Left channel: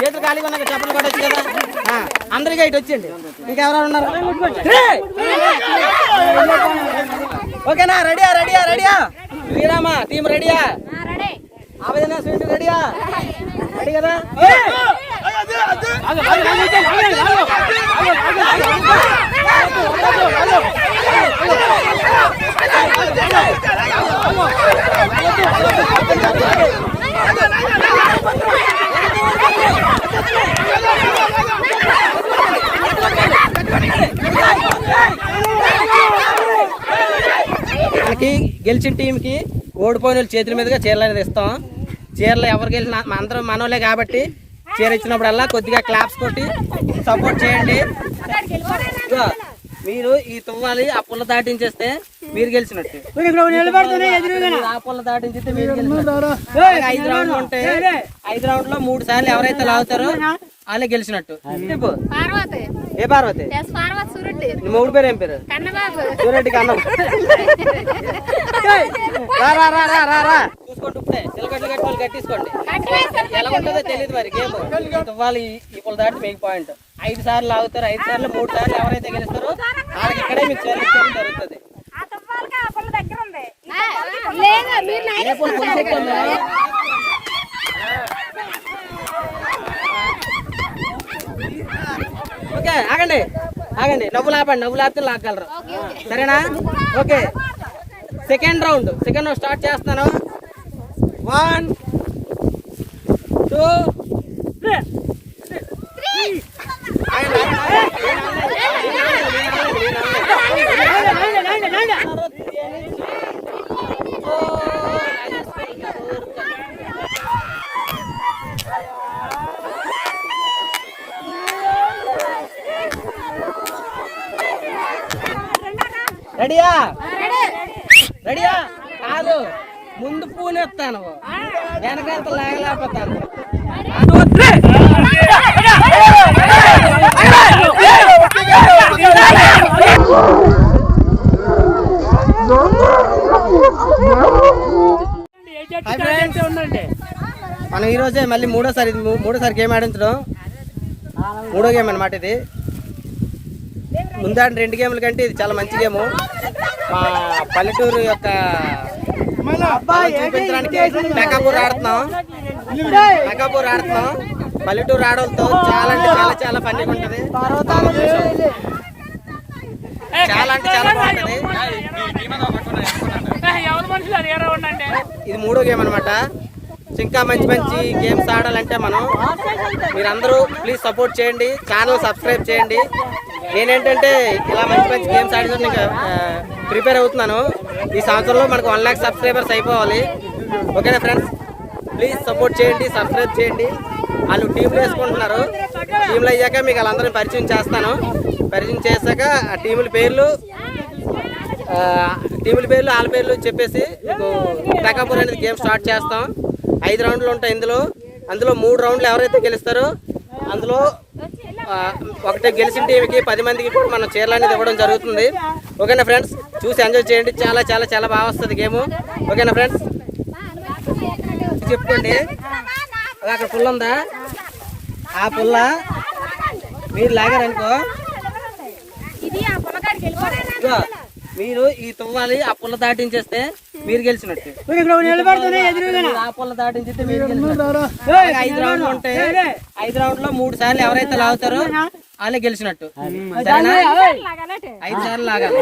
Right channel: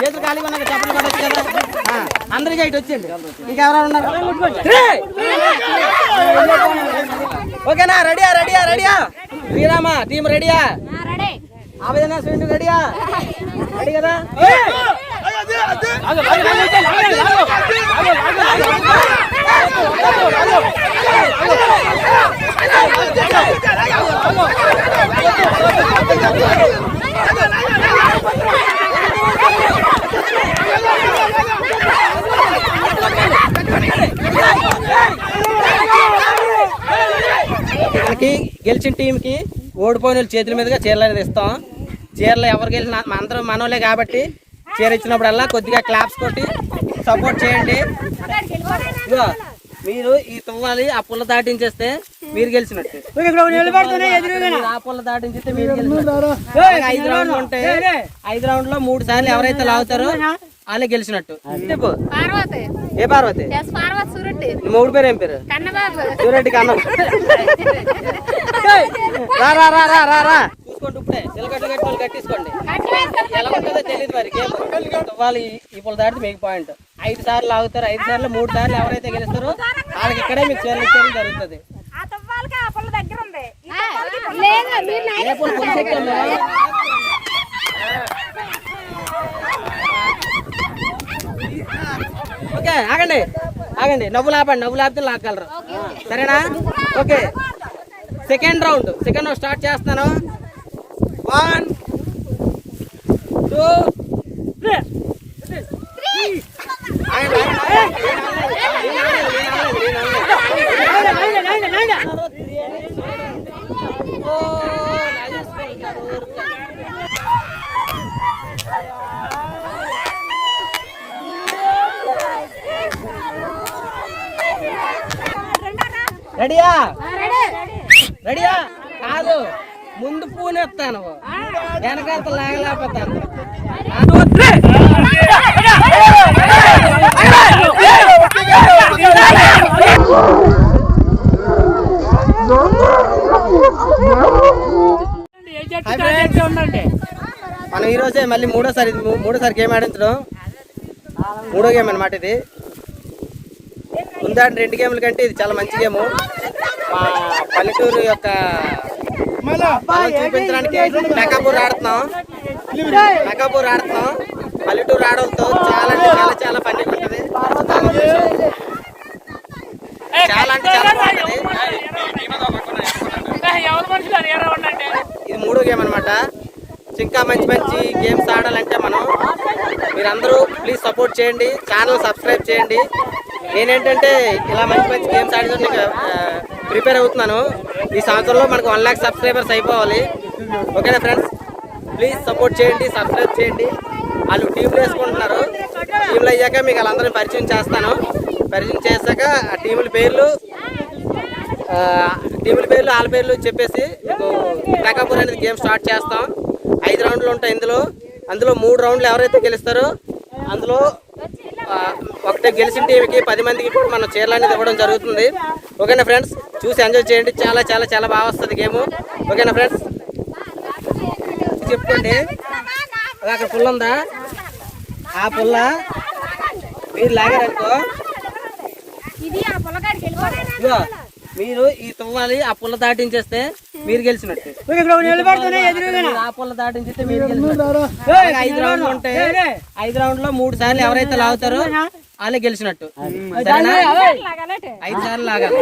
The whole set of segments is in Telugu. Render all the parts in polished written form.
చేతులు ఖాళీగా ఉన్నాక చెప్పలు కూడా వచ్చి కదా అందరికీ ఇటు వచ్చింది. ఇంకెవరైనా ఉన్నారు? ఓకేనా? రెడీయా రెడీయా రెడీయా? శ్రీరామ టీం రెడీయా? ఆవేదన స్వీట్ రెడీయా? రెడీ కదా? మనకి గెలిచిన టీంకి ఓడిపోయిన చేతుల మీదుగా చీరలు అనేది ఇస్తాం. చీరలు ఎవరు గెలిచిన అందరూ మనోలే కాబట్టి చీర ఇచ్చినప్పుడల్లా కొద్దిగా క్లాప్స్ కొట్టి సపోర్ట్ చేయండి. మీరు ఈ తువ్వాలి ఆ పుల్ల దాటించేస్తే మీరు గెలిచినట్టు, ఆ పుల్ల దాటించితే మీరు గెలిచినట్టు. 5 రౌండ్లు ఉంటాయి. 5 రౌండ్లో 3 సార్లు ఎవరైతే లాగుతారో వాళ్ళే గెలిచినట్టు. చెప్పు. ఏ పార్వతి? మూడు పేరు ఏం పేరు? సూరెడ్డి కన్నం. చూసుకోండి ఇప్పుడే చిలకట్లు కట్టి వాళ్ళు కట్టేసుకోండి. ఎలా ఉంటుందో తెలియదు మరి గేమ్. వాళ్ళు ఈ పుల్ల దాటితే మీకు పాయింట్. 5 సార్లు లాగుతారు. 5 సార్లు 3 సార్లు ఎవరైతే గెలుస్తారో వాళ్ళకి ఇక్కడే మీకు చీరలు ఇచ్చేయడం జరుగుతుంది. ఏ పుల్ల పులిసెక్కుందా? ఓకే ఆగండి ఆగండి, నవ్వులు ఆపండి. నవ్వులు ఆపితే లాగలరు, సరేనా? ఓకే, సెకండ్ రౌండ్ స్టార్ట్ చేస్తాను. 1 2 3. రెడీయా రెడీయా? కాదు, ముందు పూనెత్తాను, వెనకాల లాగలేకపోతాను. మనం ఈరోజే మళ్ళీ మూడోసారి గేమ్ ఆడించడం. 3వ గేమ్ అన్నమాట ఇది. ముందా 2 గేమ్ల కంటే ఇది చాలా మంచి గేము. మా పల్లెటూరు యొక్క బలం చూపించడానికి మెకాపూర్ ఆడుతున్నాం. పల్లెటూరు ఆడలతో చాలా అంటే చాలా పండుగ ఉంటుంది. చాలా అంటే చాలా బాగుంటుంది. ఇది 3వ గేమ్ అనమాట. ఇంకా మంచి గేమ్స్ ఆడాలంటే మీరందరూ ప్లీజ్ సపోర్ట్ చేయండి, ఛానల్ సబ్స్క్రైబ్ చేయండి. నేనేంటంటే ఇలా మంచి గేమ్స్ ఆడడానికి ప్రిపేర్ అవుతున్నాను. ఈ సంవత్సరంలో మనకు 1 lakh సబ్స్క్రైబర్స్ అయిపోవాలి. ఓకేనా ఫ్రెండ్స్? ప్లీజ్ సపోర్ట్ చేయండి, సబ్స్క్రైబ్ చేయండి. వాళ్ళు టీంలు వేసుకుంటున్నారు. టీంలు అయ్యాక మీకు వాళ్ళందరినీ పరిచయం చేస్తాను. పరిచయం చేశాక ఆ టీముల పేర్లు వాళ్ళ పేర్లు చెప్పేసి మీకు టకాపూర్ అనేది గేమ్ స్టార్ట్ చేస్తాం. 5 రౌండ్లు ఉంటాయి అందులో 3 రౌండ్లు ఎవరైతే గెలుస్తారో అందులో ఒకటే గెలిచిన టీంకి 10 మందికి కూడా మనం చీరలు అనేది ఇవ్వడం జరుగుతుంది. ఓకేనా ఫ్రెండ్స్? చూసి ఎంజాయ్ చేయండి. చాలా బాగా వస్తుంది గేమ్. ఓకేనా ఫ్రెండ్స్? చెప్పుకోండి. అక్కడ పుల్ల ఉందా? ఆ పుల్ల మీరు లాగారనుకో, మీరు ఈ తువ్వాలి ఆ పుల్ల దాటించేస్తే మీరు గెలిచినట్టు. ఆ పుల్ల దాటించితే మీరు గెలిచినట్టు. 5 రౌండ్లు ఉంటాయి. 5 రౌండ్లో 3 సార్లు ఎవరైతే లాగుతారో వాళ్ళే గెలిచినట్టు, సరేనా? 5 సార్లు లాగాలి.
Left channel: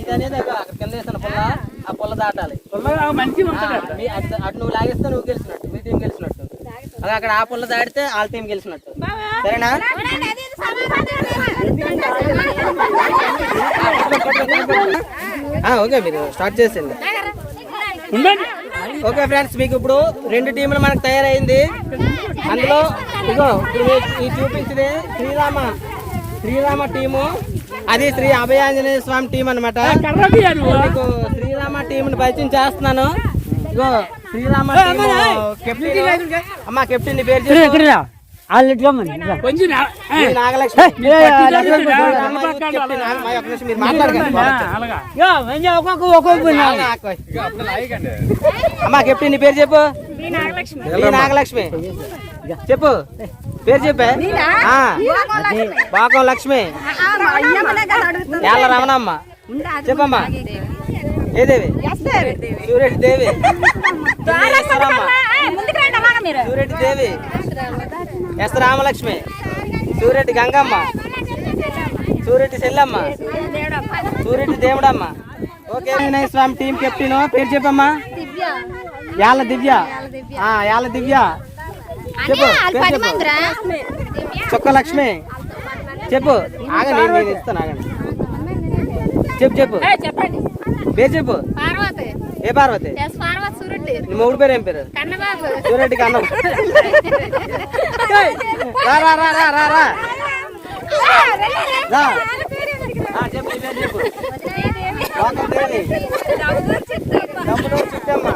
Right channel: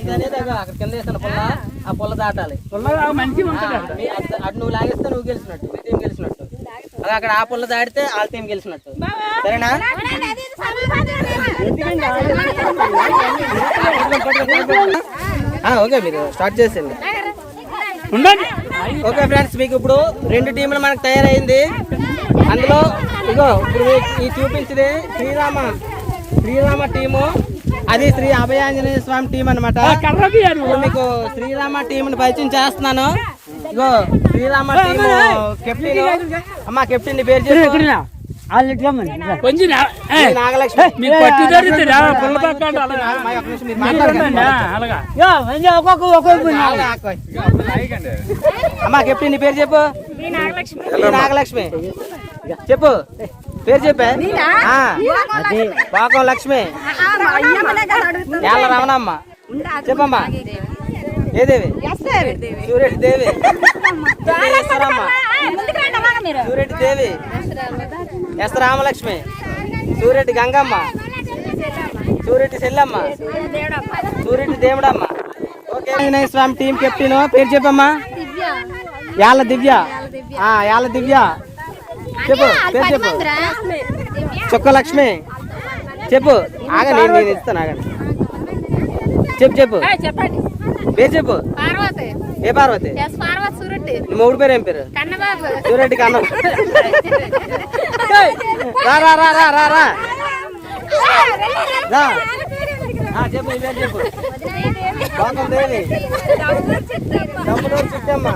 ఇదనేది అక్కడ కింద వేసిన పుల్ల, ఆ పుల్ల దాటాలి. అటు నువ్వు లాగేస్తే నువ్వు గెలిచినట్టు, మీ టీం గెలిచినట్టు. అలా అక్కడ ఆ పుల్ల దాడితే వాళ్ళ టీం గెలిచినట్టు, సరేనా? ఓకే, మీరు స్టార్ట్ చేసేయండి. ఓకే ఫ్రెండ్స్, మీకు ఇప్పుడు 2 టీంలు మనకు తయారైంది. అందులో ఇగో ఇప్పుడు ఈ చూపించింది శ్రీరామ టీము, అది శ్రీ అభయాంజనేయ స్వామి టీం అనమాట. మీకు శ్రీరామ టీంని పరిచయం చేస్తున్నాను. ఇగో శ్రీరామ టీము కెప్టెన్. అమ్మా కెప్టెన్ నీ పేరు చెప్పు. నాగలక్ష్మి అమ్మా కెప్టెన్ నీ పేరు చెప్పు. నాగలక్ష్మి చెప్పు పేరు చెప్పే. బాగో లక్ష్మి రమణమ్మ చెప్పమ్మా. ఏ దేవి? సూరెడ్డి దేవి. సూరెడ్డి దేవి. ఎస్ రామలక్ష్మి. సూరెడ్డి గంగమ్మ. సూరెడ్డి సెల్లమ్మ. సూరెడ్డి దేవుడమ్మ. ఓకే వినాయక స్వామి టీం కెప్టెన్ పేరు చెప్పమ్మా. యాళ్ళ దివ్య. యాళ్ళ దివ్య చెప్పు పేరు చెప్పు. చొక్క లక్ష్మి చెప్పు. ఆగండి నేను ఇస్తాను ఆగండి. చెప్పు చెప్పు పేరు చెప్పు. ఏ పార్వతి? నీ మూడు పేరు ఏం పేరు? సూరెడ్డి కన్నం. రా రా రా రా రా రా చెప్పు పేరు చెప్పు. బాగుంది దేవి. దమ్ముడూరు చిట్టమ్మ.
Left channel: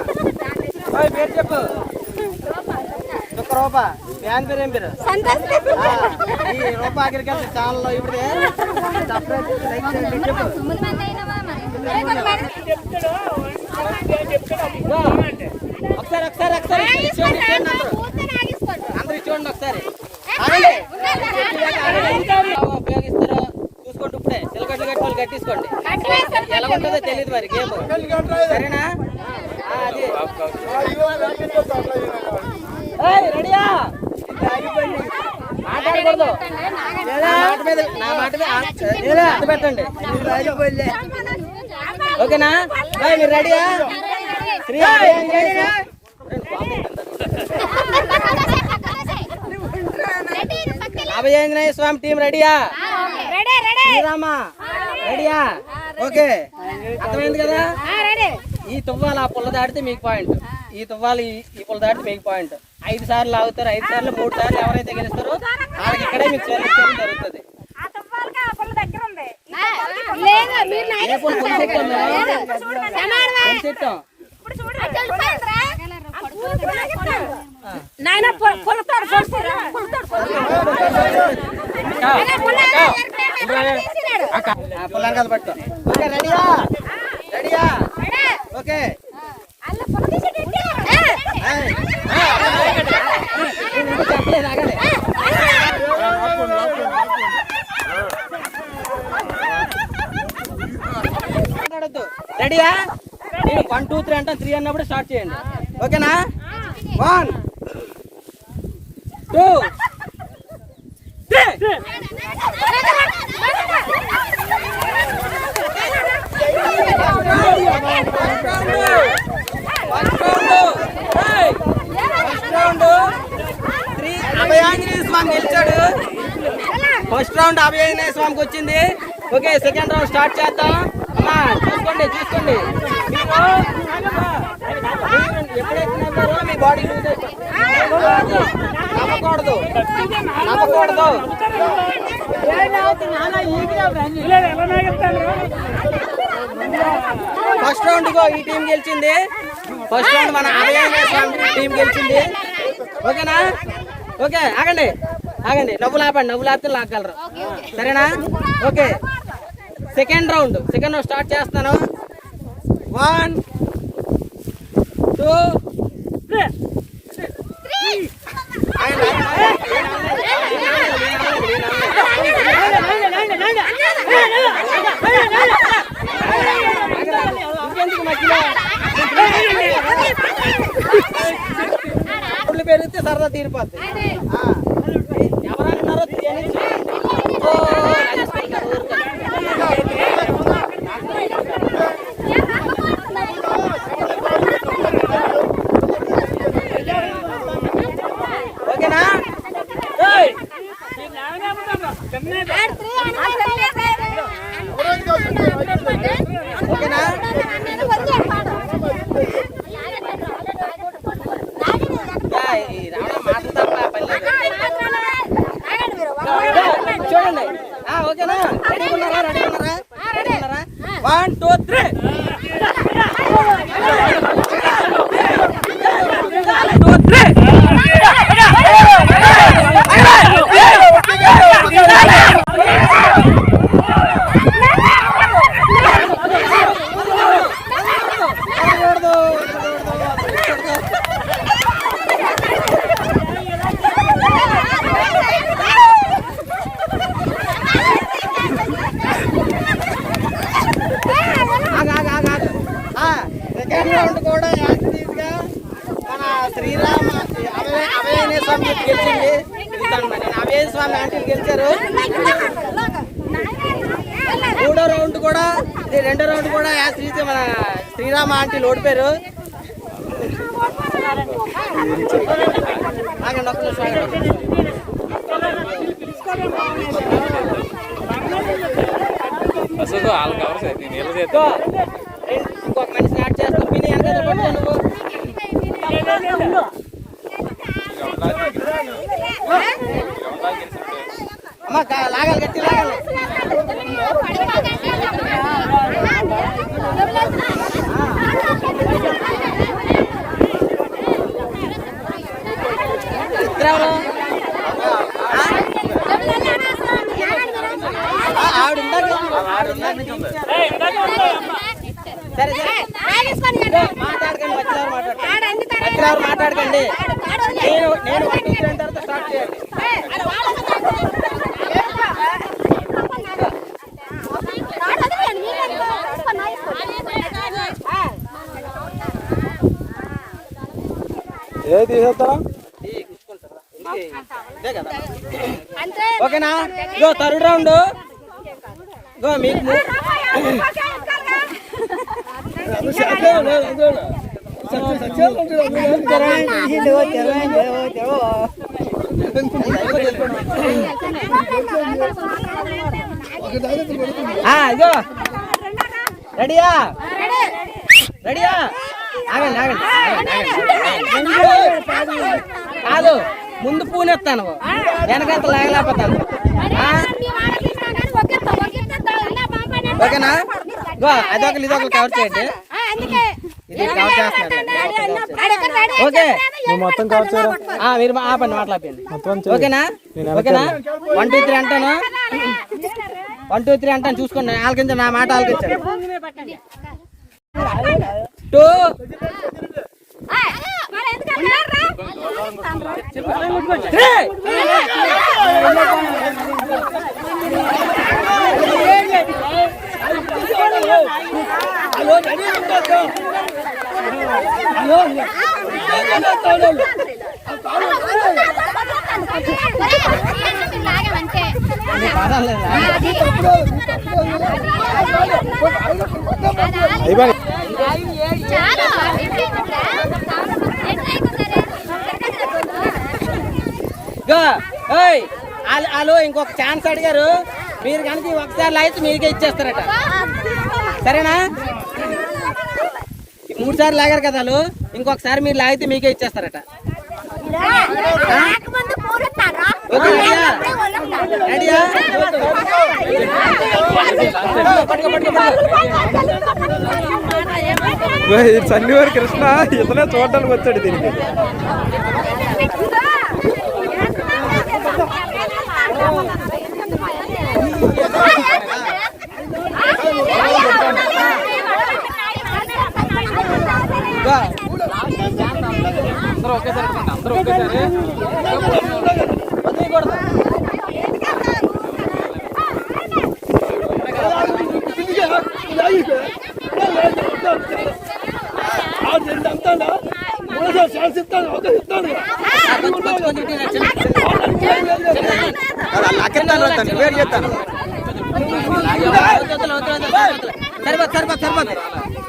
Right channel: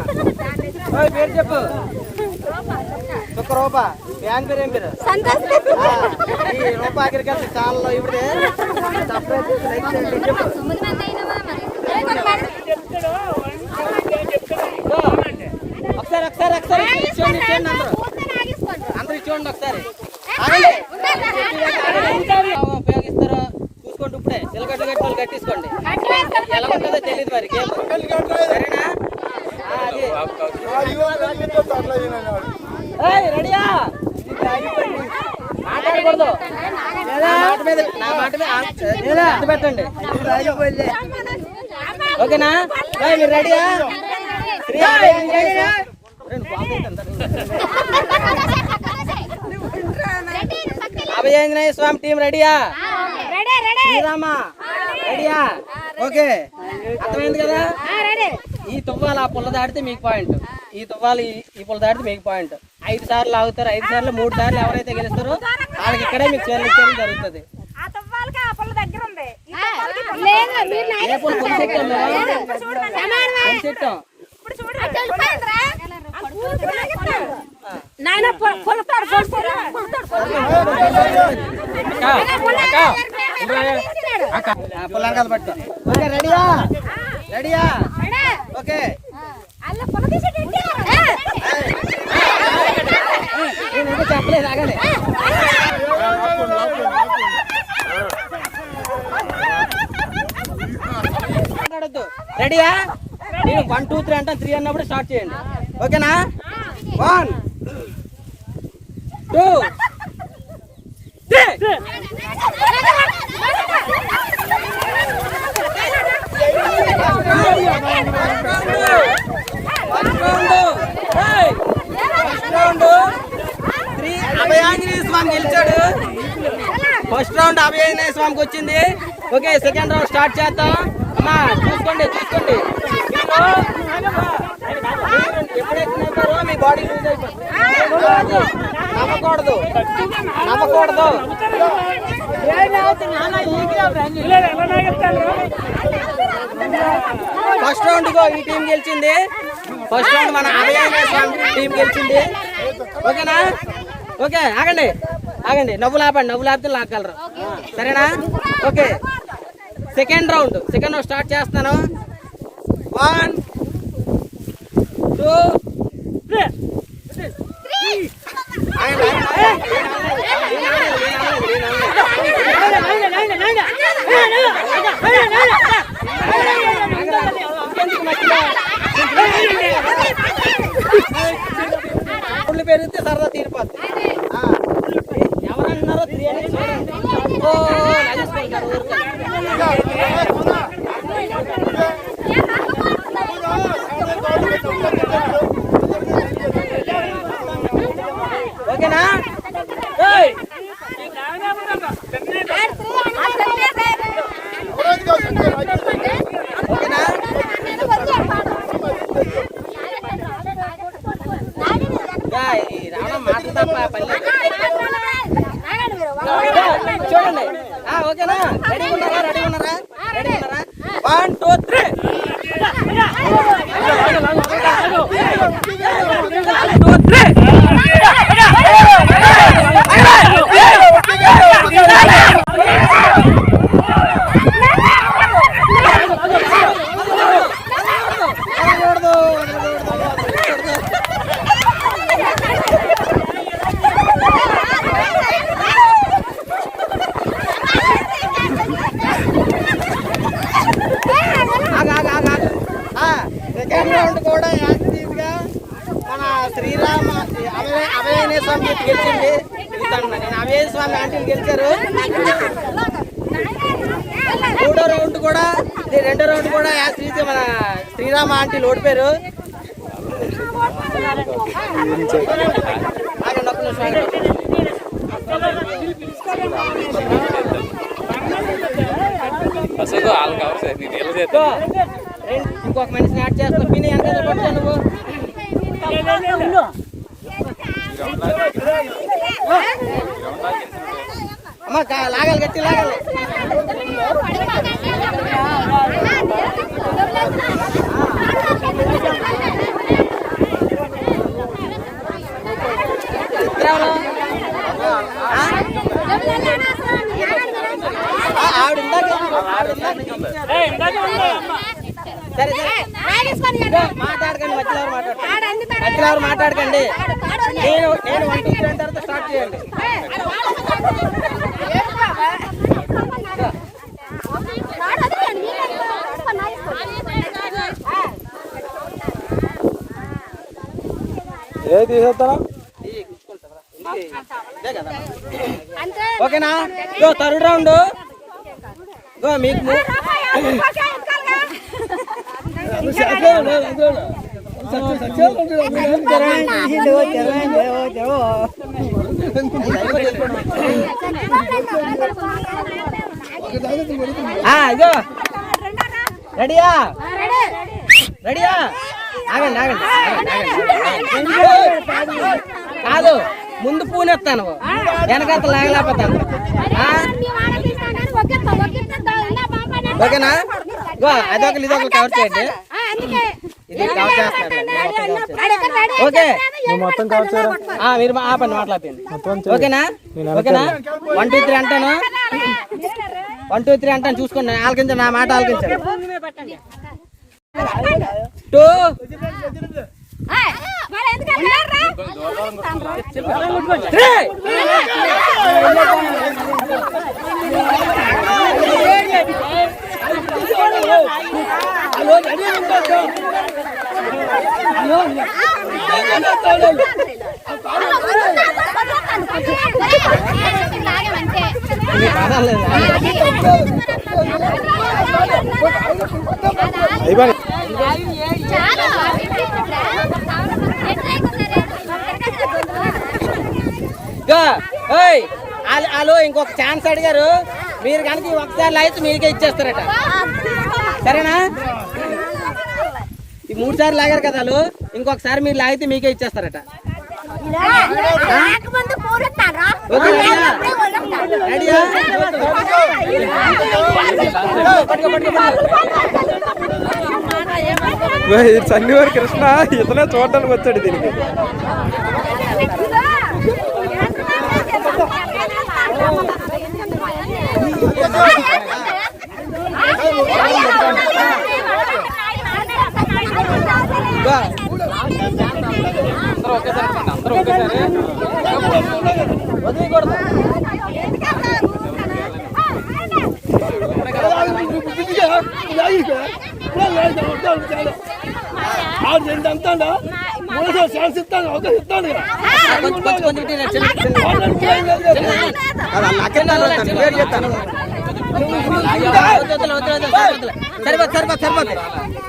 పేరు చెప్పు. చుక్క రూప. ఫ్యాన్ పేరు ఏం పేరు? ఈ రూప అగ్రికల్చర్ ఛానల్లో ఇప్పుడే సబ్స్క్రైబ్ చేసి లైక్ చేయండి. చెప్పు. ఒకసారి అందరూ చూడండి ఒకసారి. ఉపయోగిస్తారో చూసుకోండి. ఇప్పుడే చిలకట్లు కట్టి వాళ్ళు కట్టించుకోండి. ఎలా ఉంటుందో తెలియదు మరి గేమ్. సరేనా? రెడీయా? మాట్లాడకూడదు. నా మాట మీద పెట్టండి. ఓకేనా? మీరు రెడీయా? అభయాంజనేయ స్వామి టీం రెడీయా? శ్రీరామ రెడీయా? ఓకే అర్థమైంది కదా? ఈ తువ్వాలు ఆ పుల్ల దాడితే మీకు పాయింట్. ఈ తువ్వాలు ఈ పుల్ల దాడితే మీకు పాయింట్. 5 సార్లు లాగుతారు. 5 సార్లు 3 సార్లు ఎవరైతే గెలుస్తారో వాళ్ళకి ఇక్కడే మీకు చేరడం జరుగుతుంది. ఏ పుల్ల చెట్టాం పుల్లని కదా పట్టు. ఓకే రెడీయా? రెడీయా? ఓకే చెప్పలేదు ఆగండి. మాట్లాడద్దు. రెడీయా? నేను 1 2 3 అంటాను. 3 అన్నప్పుడు స్టార్ట్ చేయండి. ఓకేనా? 1 2 3. అభయాంజనేయ స్వామి గెలిచాడు. ఫస్ట్ రౌండ్ అభయాంజనేయ స్వామికి వచ్చింది. ఓకే సెకండ్ రౌండ్ స్టార్ట్ చేద్దాం. అమ్మా చూసుకోండి చూసుకోండి. మీరు ఎప్పుడైతే నవ్వారో మీ బాడీ లూజ్ అయిపోతుంది. నవ్వకూడదు నవ్వకూడదు. ఫస్ట్ రౌండ్ గో ఈ టీం గెలిచింది. ఫస్ట్ రౌండ్ మన అభయాంజనేయ స్వామి టీం గెలిచింది. ఓకేనా? ఓకే ఆగండి ఆగండి. నవ్వులు ఆపండి. నవ్వులు ఆపితే లాగలరు. సరేనా? ఓకే సెకండ్ రౌండ్ స్టార్ట్ చేస్తాను. 1 2 3. ఇంకెందుకు మధ్యలో ఊళ్ళు పెరిగితే సరదా తీరిపోద్ది. ఎవరన్నారో తెలియని చేయండి. ఓ నడుచుకుంటున్నారు ఊరికే. ఓకేనా? ఓకేనా? రావడం మాటలు తప్ప పని లేదు. చూడండి. ఓకేనా? రెడీ ఉన్నారా? 1 2 3. Two, three. ఆంజనేయ స్వామి గెలిచింది. నేను అవేయ స్వామి ఆంటీలు గెలిచారు. మూడో రౌండ్ కూడా ఇది, రెండో రౌండ్ కూడా మన శ్రీరామ ఆంటీలు ఓడిపోయారు. ఇంకొక మనిషిని యాడ్ చేస్తావు. పిన్ని వెనకాల పట్టుకో నువ్వు. అమ్మ లాగాలి, గట్టి లాగాలి. మాట్లాడకండి, మధ్యలో మాట్లాడకండి. నేను 1 2 3 అని తర్వాత స్టార్ట్ చేయాలి. ఏది తీసేస్తారా? ఓకేనా? Go third round. గో మీకు ఇగో రెడీయా? రెడీయా? ఆగండి ఆగండి కాదు, ముందు పూనెత్తాను, వెనకంత లాగలేకపోతాను. ఓకేనా? గో అదొకరు ఇదొకరు కవర్ చేయండి. ఇది కవర్ చేస్తున్నారు. ఓకే, నువ్వు మొత్తం కవర్ చేయరా? మీరు ఆపండి, మాట్లాడండి. ఓకేనా? ఓకేనా? 1 2 3 అంటాను. 1 2 3 అంటాను, చూసుకోండి. ఆలకించండి, నా మాట ఆలకించండి. 2 హలో, ఇంకొక ఛాన్స్ అడిగారు. మీరు కనుక ఒకసారి లాగితే మీకే ఇచ్చేస్తారట. సరేనా? 3 సార్లు లాగారు కదా వాళ్ళు, ఇంకొకసారి మీరు లాగితే మీకే ఇచ్చేస్తారట. చండీవారి కృష్ణ ఇతనే చూడడానికి వచ్చాడు దీనికి.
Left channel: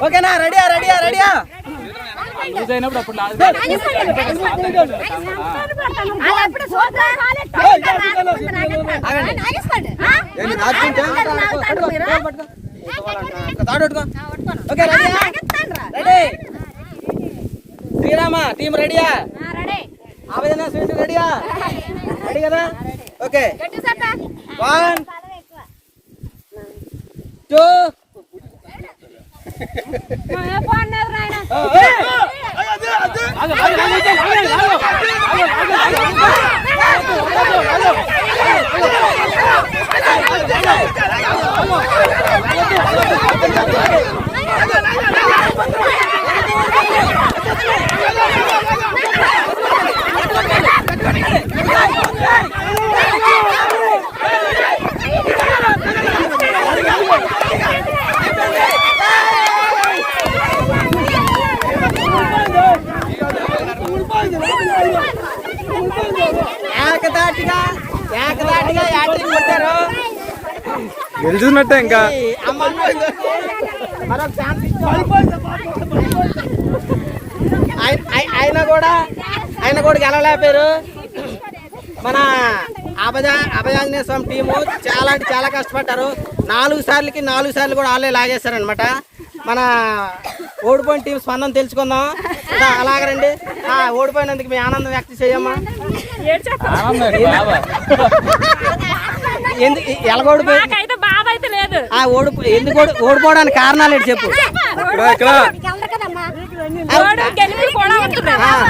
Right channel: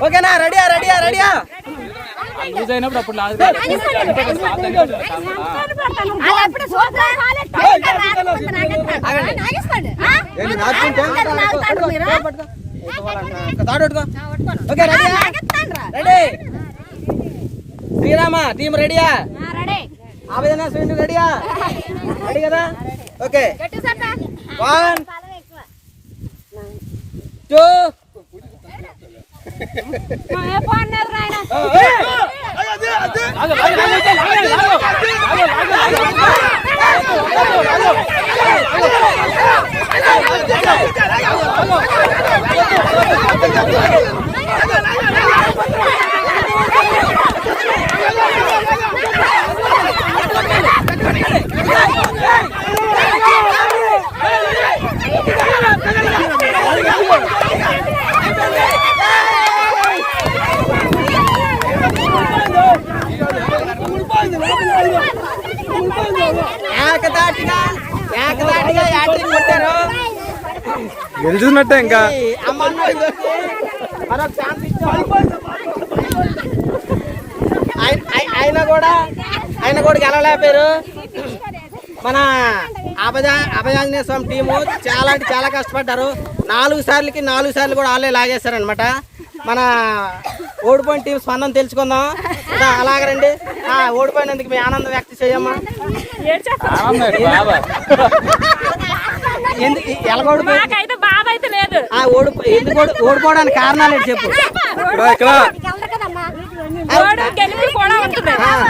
ఓకేనా? రెడీయా? రెడీయా? రెడీయా? శ్రీరామ టీం రెడీయా? ఆవేదన స్వీట్ రెడీయా? రెడీ కదా? Okay, 1 2 Hey! గెలిచినట్టే ఇంకా. ఏయ్, అమ్మ అన్నాడు. మరొక ఛాన్స్ ఇచ్చాం. ఆయన కూడా గెలవలేపారు. మన అభయాంజనేయ స్వామి టీము చాలా అంటే చాలా కష్టపడ్డారు. 4 సార్లు కూడా వాళ్ళే లాగేశారనమాట. మన ఓడిపోయిన టీం స్పందన తెలుసుకుందాం. అలాగరండి. ఓడిపోయినందుకు మీ ఆనందం వ్యక్తం చేయమ్మా. ఎందుకు ఓడిపోవడానికి కారణాలు ఏంటి చెప్పు.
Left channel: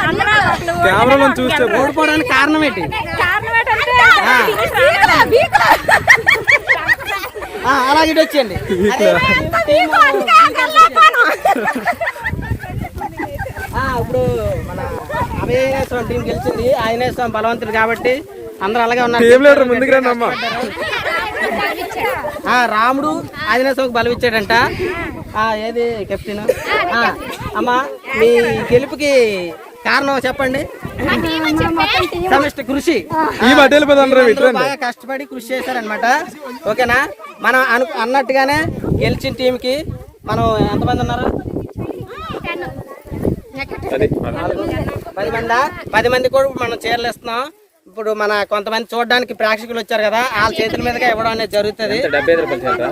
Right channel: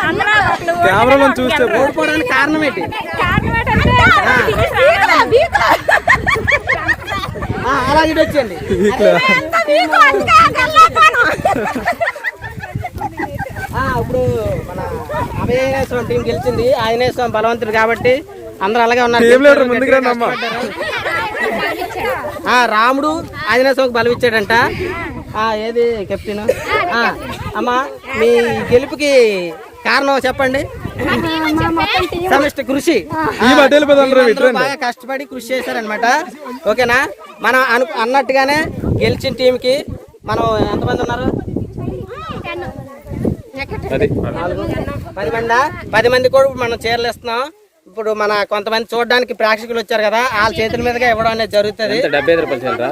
కెమెరాలో చూస్తే ఓడిపోవడానికి కారణం ఏంటి? అలాగే ఇటు వచ్చేయండి. ఇప్పుడు మన అభయాంజనేయ స్వామి టీం గెలిచింది. ఆంజనేయ స్వామి బలవంతుడు కాబట్టి అందరూ అలాగే ఉన్నారు. ముందుకు రండి అమ్మా. రాముడు ఆంజనేయ స్వామికి బలం ఇచ్చాడంట. ఏది కెప్టెన్? అమ్మా మీ గెలుపుకి కారణం చెప్పండి. సమిష్టి కృషి. బాగా కష్టపడి కృషి చేశారనమాట. ఓకేనా? మనం అన్నట్టుగానే గెలిచిన టీంకి మనం ఎంతమంది ఉన్నారు? 10 మంది కూడా మనం చీరలు ఇస్తున్నాం. ఇప్పుడు మన కొంతమంది చూడడానికి ప్రేక్షకులు వచ్చారు కదా, వాళ్ళ చేతుల మీదుగా ఇవ్వడం అనేది జరుగుతుంది. 75 రూపాయలు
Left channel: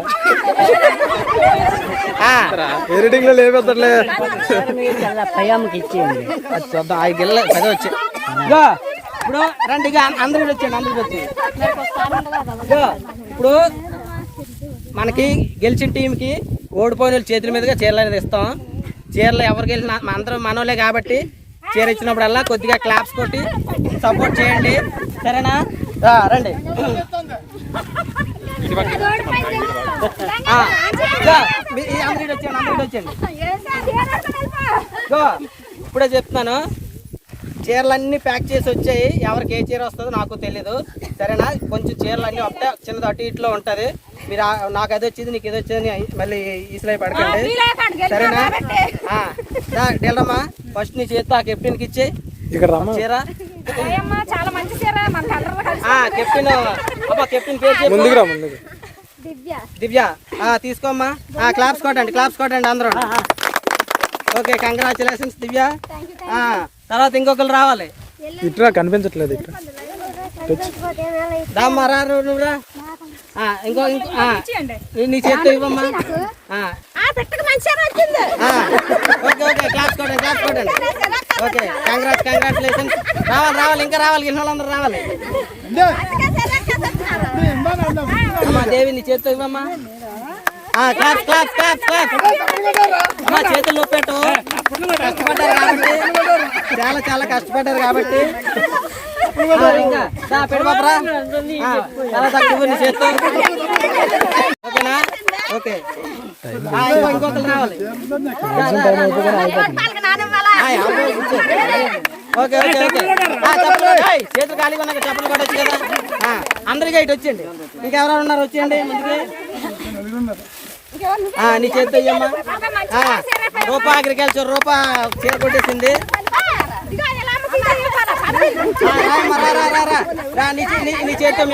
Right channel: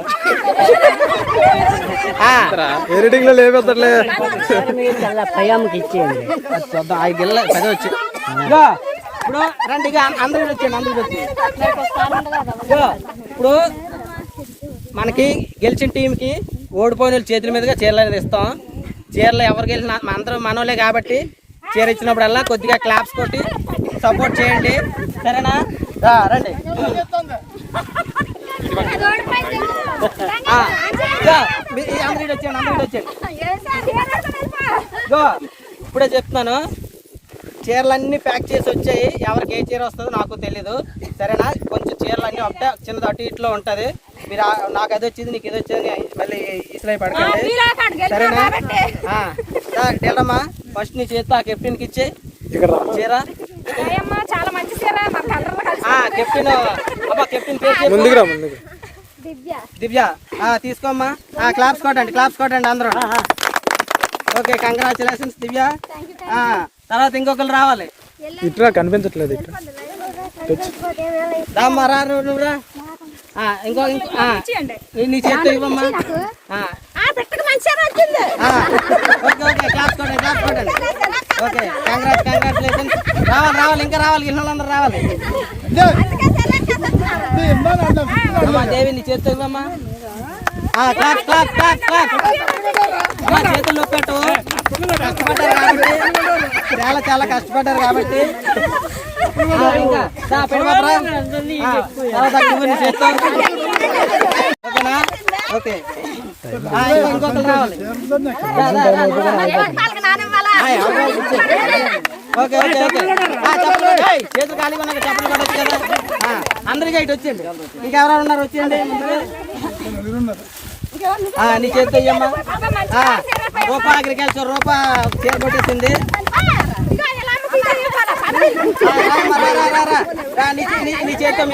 ఎడిటింగ్ లో లేకపోతలే. ఇప్పుడు రండి, అందరూ వచ్చి ఇప్పుడు మనకి గెలిచిన టీంకి ఓడిపోయిన చేతుల మీదుగా చీరలు అనేది ఇస్తాం. చీరలు ఎవరు గెలిచిన అందరూ మనోలే కాబట్టి చీర ఇచ్చినప్పుడల్లా కొద్దిగా క్లాప్స్ కొట్టి సపోర్ట్ చేయండి. సరేనా? రండి. అందరూ వచ్చేయండి. ఇప్పుడే చెప్తున్నాను, చీరలన్నీ ప్యాక్ చేసి వచ్చాయి. ఎవరికి ఏ చీర వస్తుందో నాకు తెలీదు. సరేనా? కొంచెం చీరలు అన్నీ ఒకటే చిన్నది అటు ఇట్లో ఉంటుంది. మీరు నాకు అది వచ్చింది నీకు ఇది వచ్చింది మళ్ళీ ఇసులై పడకండి. సరేనా? డెల్లమ్మా ఫస్ట్ నీ చేతి ఆ కెప్టెన్కి ఇచ్చి చీర. కెప్టెన్ కెప్టెన్ పేరు దివ్య. తీసుకోమ్మా. క్లాప్స్ కొట్టండి అందరూ. ఓకే, కంగ్రాచులేషన్స్ దివ్య. తర్వాత ఇంకొకరు రావాలి. ఇట్లా కనిపించట్లేదు. ఇట్లా దామ్మా రా నువ్వురా. ఇంకో నీ చేత్తో ఇవ్వమ్మా. ఓకే, క్లాప్స్ కొట్టండి. Okay, congratulations. రావాలి ఇంకా రావాలి. గిన్నెలందరూ రావాలి. అమ్మా దేవి నీ చేత్తో ఇవ్వమ్మా. చేతుల్లో పెట్టు. చాలా కష్టపడ్డారు కాబట్టి ఇంకా పెడబాపరా. తర్వాత నీ చేత్తో. ఓకేనా? ఓకే, ఇంకొకరు రావాలి. ఓకే చేతులు ఖాళీగా ఉన్నాయి. చప్పలు కూడా వచ్చేది. అందరికీ ఇటు వచ్చేయండి. ఇంకెవరైనా ఉన్నారు? వచ్చేయండి ముందుకి. నీ చేతితో ఇయ్యమ్మా. రూపా అగ్రికల్చర్ చీర కొట్టేసింది. నీ చేతితో